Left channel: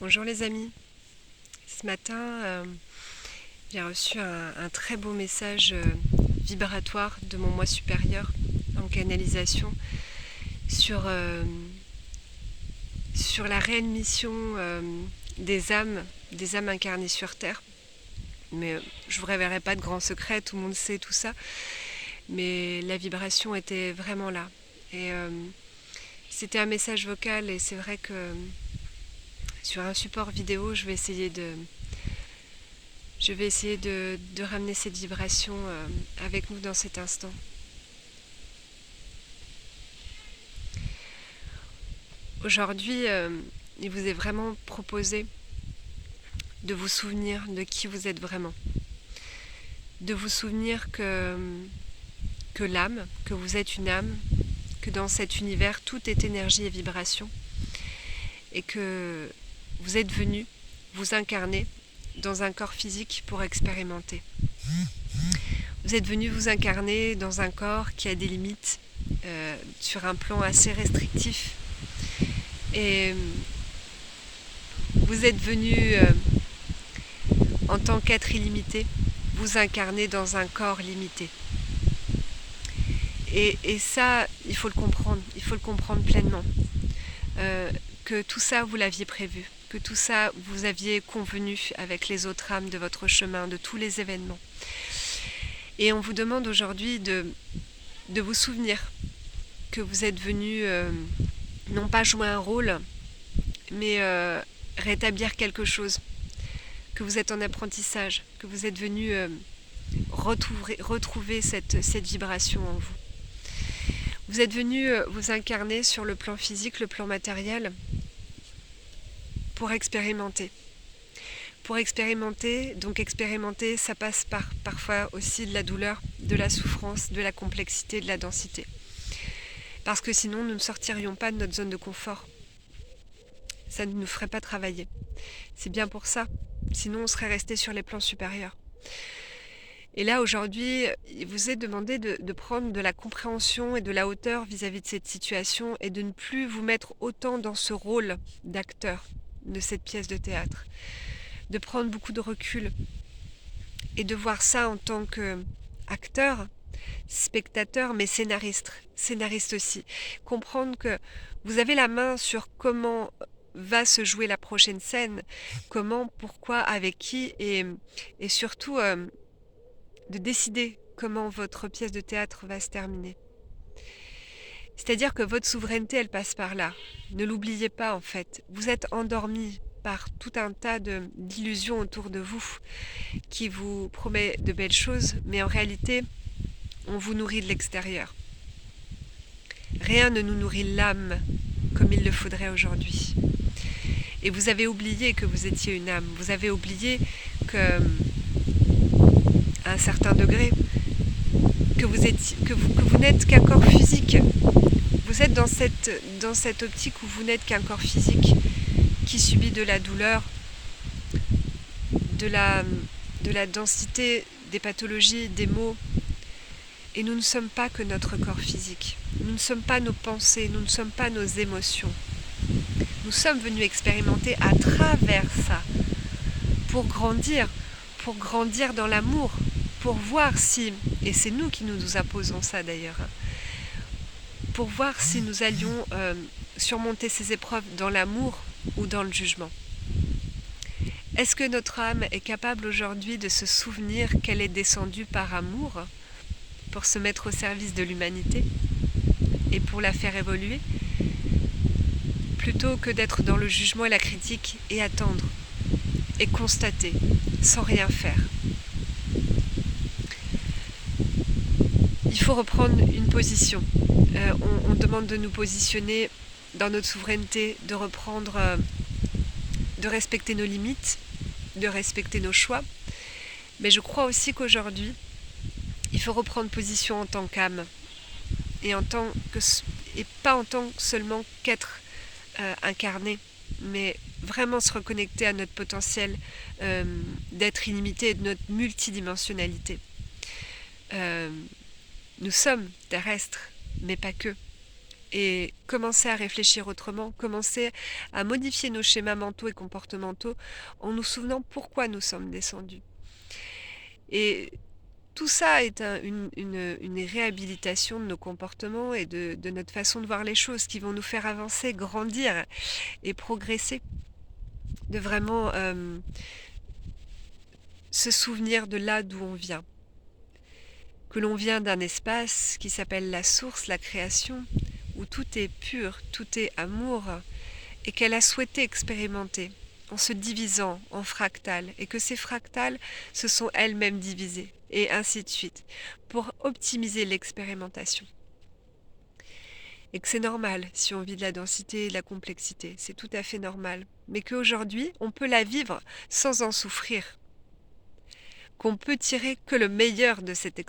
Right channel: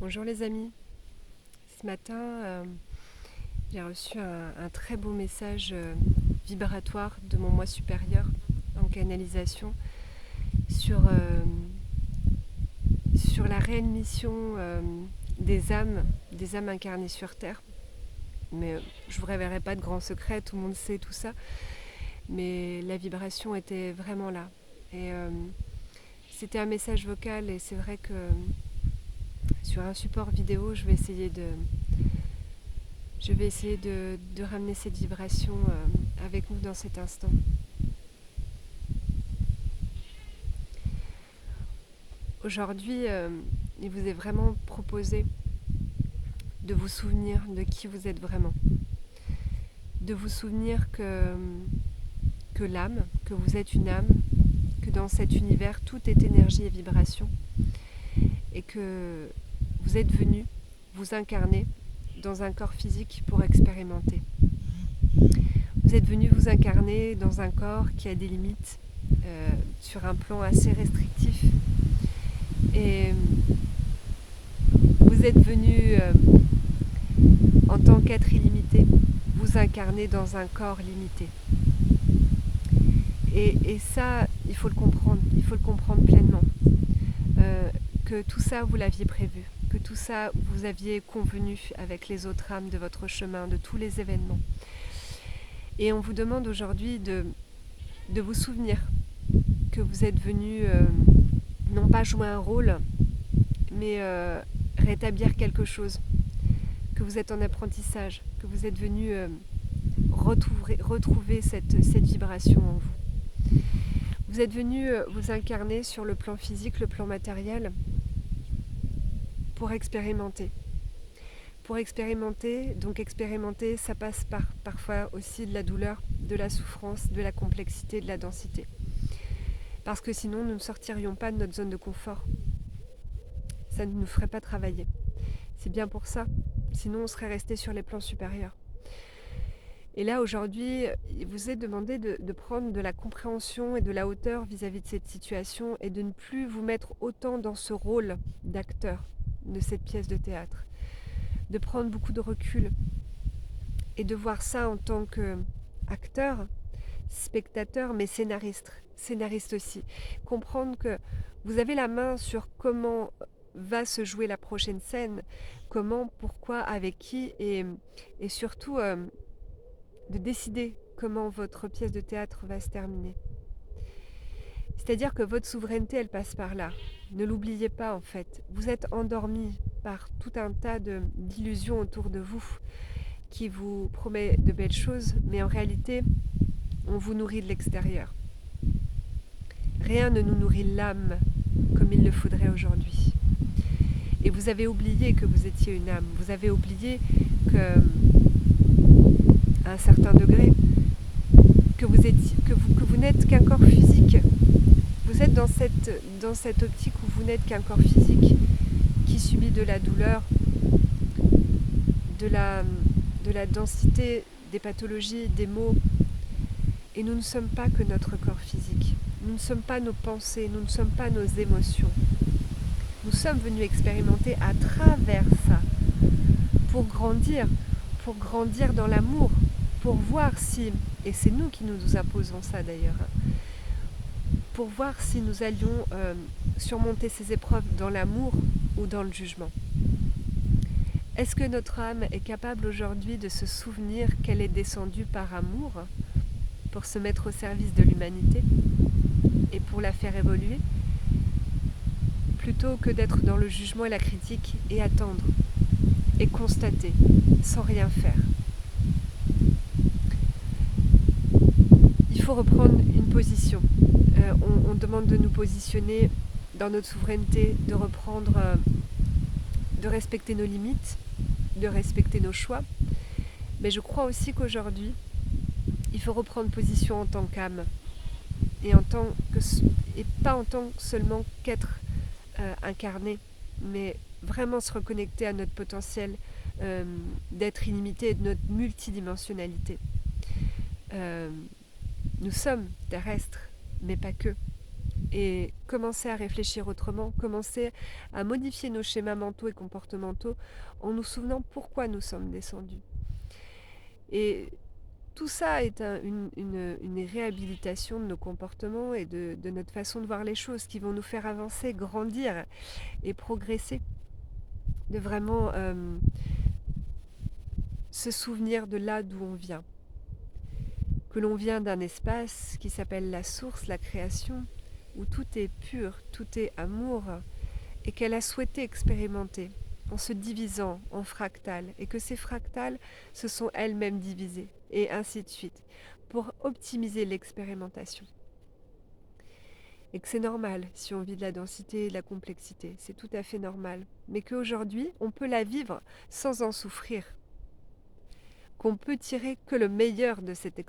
Bonjour les amis. Ce matin, j'ai reçu un très beau message vibratoire de mon moi supérieur en canalisation sur, sur la réelle mission des âmes incarnées sur Terre. Mais je ne vous révélerai pas de grands secrets, tout le monde sait tout ça. Mais la vibration était vraiment là. Et c'était un message vocal et c'est vrai que sur un support vidéo, je vais essayer de ramener cette vibration avec nous dans cet instant. Aujourd'hui, il vous est vraiment proposé de vous souvenir de qui vous êtes vraiment. De vous souvenir que l'âme, que vous êtes une âme, que dans cet univers, tout est énergie et vibration. Et que vous êtes venu vous incarner dans un corps physique pour expérimenter. Vous êtes venu vous incarner dans un corps qui a des limites sur un plan assez restrictif. Et vous êtes venu en tant qu'être illimité vous incarner dans un corps limité. Et ça, il faut le comprendre pleinement. Que tout ça, vous l'aviez prévu, que tout ça, vous aviez convenu avec les autres âmes de votre chemin, de tous les événements. Et on vous demande aujourd'hui de vous souvenir que vous êtes venu non pas jouer un rôle, mais rétablir quelque chose, que vous êtes en apprentissage, que vous êtes venu retrouver cette vibration en vous. Vous êtes venu vous incarner sur le plan physique, le plan matériel, pour expérimenter. Donc expérimenter, ça passe par parfois aussi de la douleur, de la souffrance, de la complexité, de la densité. Parce que sinon, nous ne sortirions pas de notre zone de confort. Ça ne nous ferait pas travailler. C'est bien pour ça. Sinon, on serait resté sur les plans supérieurs. Et là, aujourd'hui, il vous est demandé de prendre de la compréhension et de la hauteur vis-à-vis de cette situation et de ne plus vous mettre autant dans ce rôle d'acteur de cette pièce de théâtre. De prendre beaucoup de recul et de voir ça en tant qu'acteur, spectateur, mais scénariste aussi. Comprendre que vous avez la main sur comment va se jouer la prochaine scène, comment, pourquoi, avec qui, et surtout de décider comment votre pièce de théâtre va se terminer. C'est-à-dire que votre souveraineté, elle passe par là. Ne l'oubliez pas en fait. Vous êtes endormi par tout un tas d'illusions autour de vous qui vous promet de belles choses, mais en réalité, on vous nourrit de l'extérieur. Rien ne nous nourrit l'âme comme il le faudrait aujourd'hui. Et vous avez oublié que vous étiez une âme. Vous avez oublié que, à un certain degré, que vous n'êtes qu'un corps physique. Vous êtes dans cette optique où vous n'êtes qu'un corps physique qui subit de la douleur, de la densité des pathologies, des maux. Et nous ne sommes pas que notre corps physique. Nous ne sommes pas nos pensées, nous ne sommes pas nos émotions. Nous sommes venus expérimenter à travers ça pour grandir dans l'amour, pour voir si, et c'est nous qui nous imposons ça d'ailleurs, pour voir si nous allions surmonter ces épreuves dans l'amour ou dans le jugement. Est-ce que notre âme est capable aujourd'hui de se souvenir qu'elle est descendue par amour pour se mettre au service de l'humanité et pour la faire évoluer, plutôt que d'être dans le jugement et la critique et attendre et constater sans rien faire? Il faut reprendre une position. On demande de nous positionner dans notre souveraineté, de reprendre, de respecter nos limites, de respecter nos choix. Mais je crois aussi qu'aujourd'hui, il faut reprendre position en tant qu'âme et pas en tant seulement qu'être incarné, mais vraiment se reconnecter à notre potentiel d'être illimité et de notre multidimensionnalité. Nous sommes terrestres, mais pas que. et commencer à réfléchir autrement, commencer à modifier nos schémas mentaux et comportementaux en nous souvenant pourquoi nous sommes descendus. Et tout ça est une réhabilitation de nos comportements et de notre façon de voir les choses qui vont nous faire avancer, grandir et progresser. De vraiment se souvenir de là d'où on vient. Que l'on vient d'un espace qui s'appelle la source, la création, où tout est pur, tout est amour, et qu'elle a souhaité expérimenter en se divisant en fractales, et que ces fractales se sont elles-mêmes divisées, et ainsi de suite, pour optimiser l'expérimentation. Et que c'est normal si on vit de la densité et de la complexité, c'est tout à fait normal, mais qu'aujourd'hui, on peut la vivre sans en souffrir, qu'on peut tirer que le meilleur de cette expérience.